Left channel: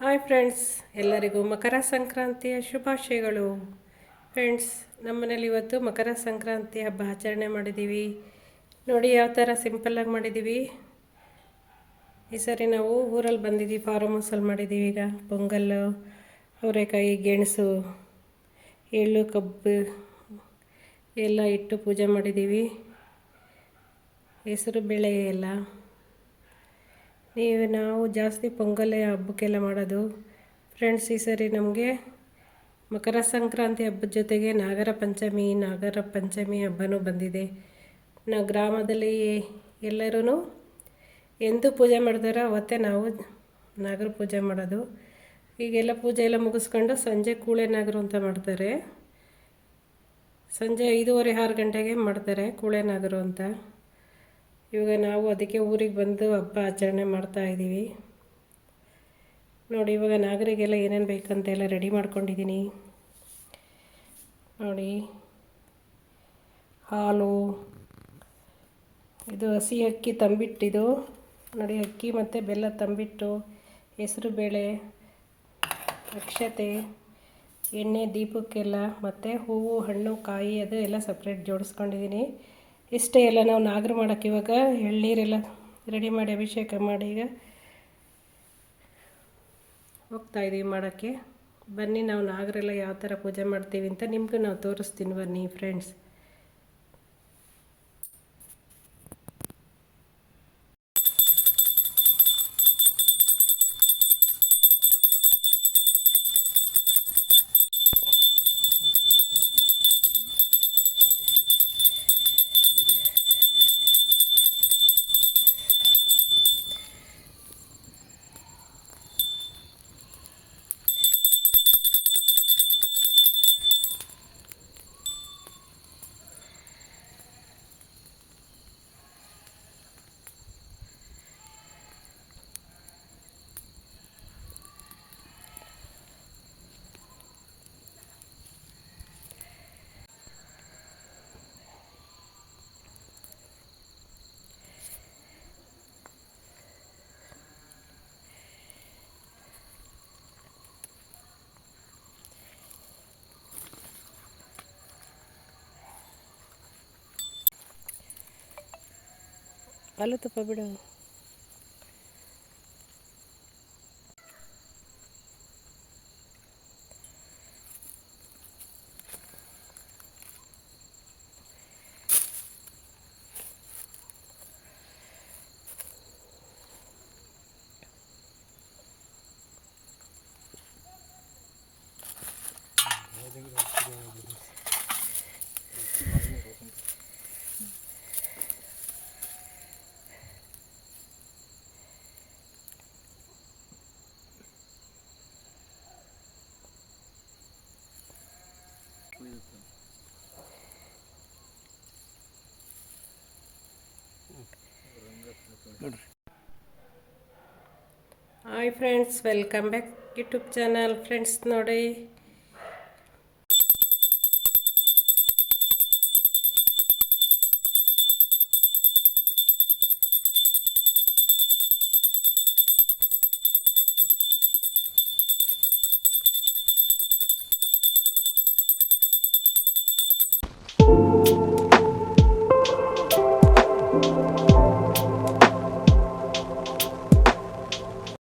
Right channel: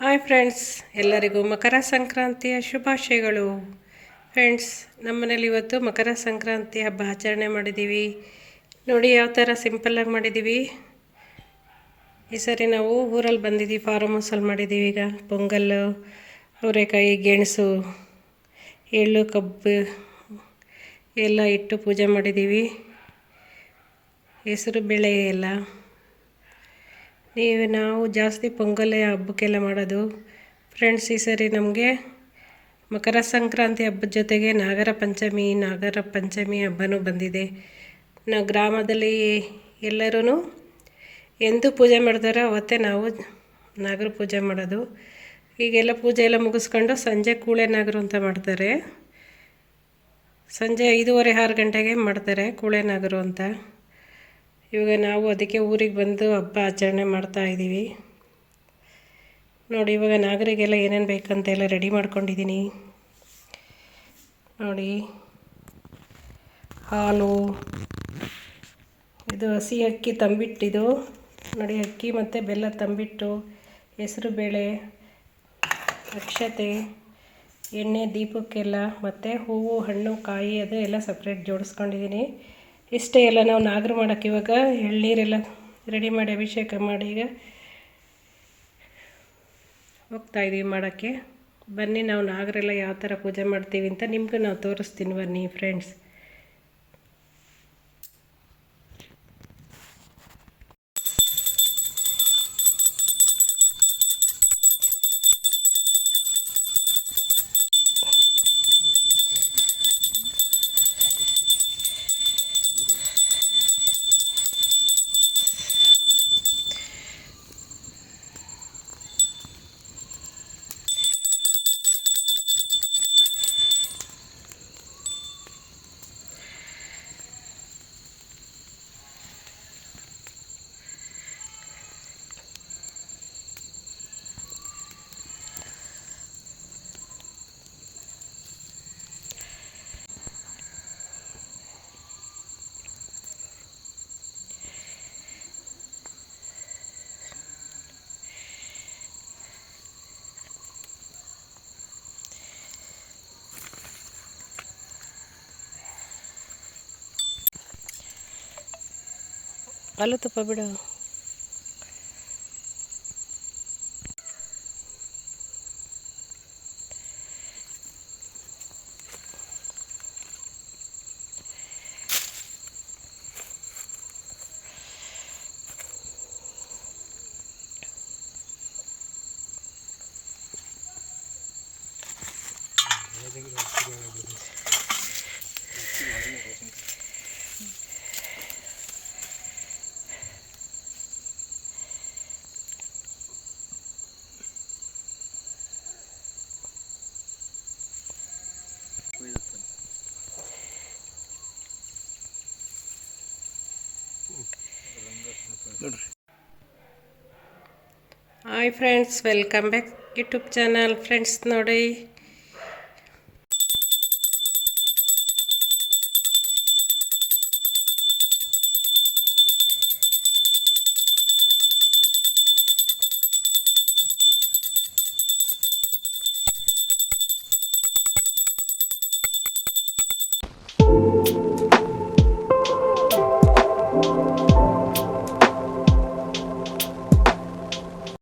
Hi friends, ಎಲ್ಲರಿಗೂ ಮಕರ ಸಂಕ್ರಾಂತಿಯ ಶುಭಾಶಯಗಳು. Friends, ನಮ್ಮನೇಲಿ ಇವತ್ತು ಮಕರ ಸಂಕ್ರಾಂತಿ ಹಬ್ಬ ಆಚರಣೆ ಮಾಡಿದ್ದೀವಿ. ನೋಡಿ ಯಾವ ಥರ ಸಿಂಪಲ್ಲಾಗಿ ಮಾಡಿದ್ದೀವಿ. ಈ ಸರಿ ನಾವು ಊರಲ್ಲಿ ಬಂದಿದ್ದೀವಿ, ಫಾರ್ಮ್ ಹೌಸಲ್ಲಿ ಮಾಡಿದ್ದೀವಿ. ಈಗ ಪೊಂಗಲ್ಲು, ಅವರೆಕಾಯಿ, ಗೆಣಸು, ಎಳ್ಳು, ಕಬ್ಬು ಎಲ್ಲ ಇಟ್ಟು ಪೂಜೆ ಮಾಡಿದ್ದೀವಿ. ಹೆಸರು ಬೇಳೆ ಎಲ್ಲ ನಾವು ಜಾಸ್ತಿ ಪೊಂಗಲ್ಲೇ ಹಬ್ಬಕ್ಕೆಲ್ಲ ಮಾಡೋದು. ಫ್ರೆಂಡ್ಸ್, ಈ ಸರಿ ನಮಗೆ ಮಕರ ಸಂಕ್ರಾಂತಿ ಹಬ್ಬದ ಜೊತೆಗೆ ನಾಗರ ಪಂಚಮಿ ಹಬ್ಬನೂ ಬಂದಿದೆ. ನಾವು ಗ್ರಾಮದಲ್ಲಿ ಎಲ್ಲರೂ ಎಂದು ಪೂಜೆ ಮಾಡ್ತಾರೋ ಅವತ್ತೇ ನಾವು ನಾಗರ ಪೂಜೆ ಮಾಡೋದು. ಈಗೆಲ್ಲ ಪೂಜೆ ಎಲ್ಲ ಮುಗಿಸ್ಕೊಂಡು ಸಂಜೆ ಕೂಳೆ ನಾಗರು ಅಂತ ಮಾಡ್ತಾರೆ. ಸಂಜೆ 5:30-6 ಗಂಟೆಗೆ ಮಾಡ್ತಾರೆ ಕೂಳೆ ನಾಗರು ಅಂತ. ಇವಾಗ ನಾವು ಅದಕ್ಕೆ ಊರಿಗೆ ಬಂದು ಹಬ್ಬ ಆಚರಣೆ ಮಾಡ್ತಾಯಿದ್ದೀವಿ. ನೋಡಿ, ಇವಾಗ ನಾಗರಿಗೆಲ್ಲ ಏನೇನು ಬೇಕಂತೆಲ್ಲ ರೆಡಿ ಮಾಡ್ಕೊಂಡಿದ್ದೀನಿ. ನೋಡಿ, ಹಾಲು, ಇದು ಹಸಿ ಅಕ್ಕಿ ತಂಬಿಟ್ಟಿದು. ನೋಡಿ, ಅಕ್ಕಿ ಮತ್ತು ಬೆಲ್ಲ ತಂಬಿಟ್ಟು, ಹೆಸರು ಬೇಳೆ, ಅಕ್ಷತೆ, ಎಣ್ಣೆ ದೀಪಕ್ಕೆಲ್ಲ, ಮತ್ತು ಹೂವು, ಹಣ್ಣು, ಕಾಯಿ ಅದು ಎಲ್ಲ ಸಪ್ರೇಟ್ ಜೋಡಿಸ್ಕೊಂಡಿದ್ದೀನಿ. ಇಷ್ಟೇ ಎಲ್ಲ ನಾವು ನಾಗರು ಮಾಡೋಕ್ಕೆ ಇವಾಗ ಎಳ್ನೀರೆಲ್ಲ ರೆಡಿ ಮಾಡಿ ಅಭಿಷೇಕ ಮಾಡಿ ಈಗ ಹೋಗ್ತಾಯಿದ್ದೀವಿ ಮಾಡೋಕ್ಕೆ. ಬನ್ನಿ, ನಾವು ನಾಗರೆಲ್ಲ ಯಾವ ಥರ ಪೂಜೆ ಮಾಡ್ತೀವಿ ಅಂತ ನಿಮಗೂ ನಾವು ತೋರಿಸ್ತೀನಿ. ಬನ್ನಿ ಫ್ರೆಂಡ್ಸ್. ಹಾಲು ತುಪ್ಪ ಬಿಡು. Hi friends, welcome back YouTube channel. Friends, ನೋಡಿ,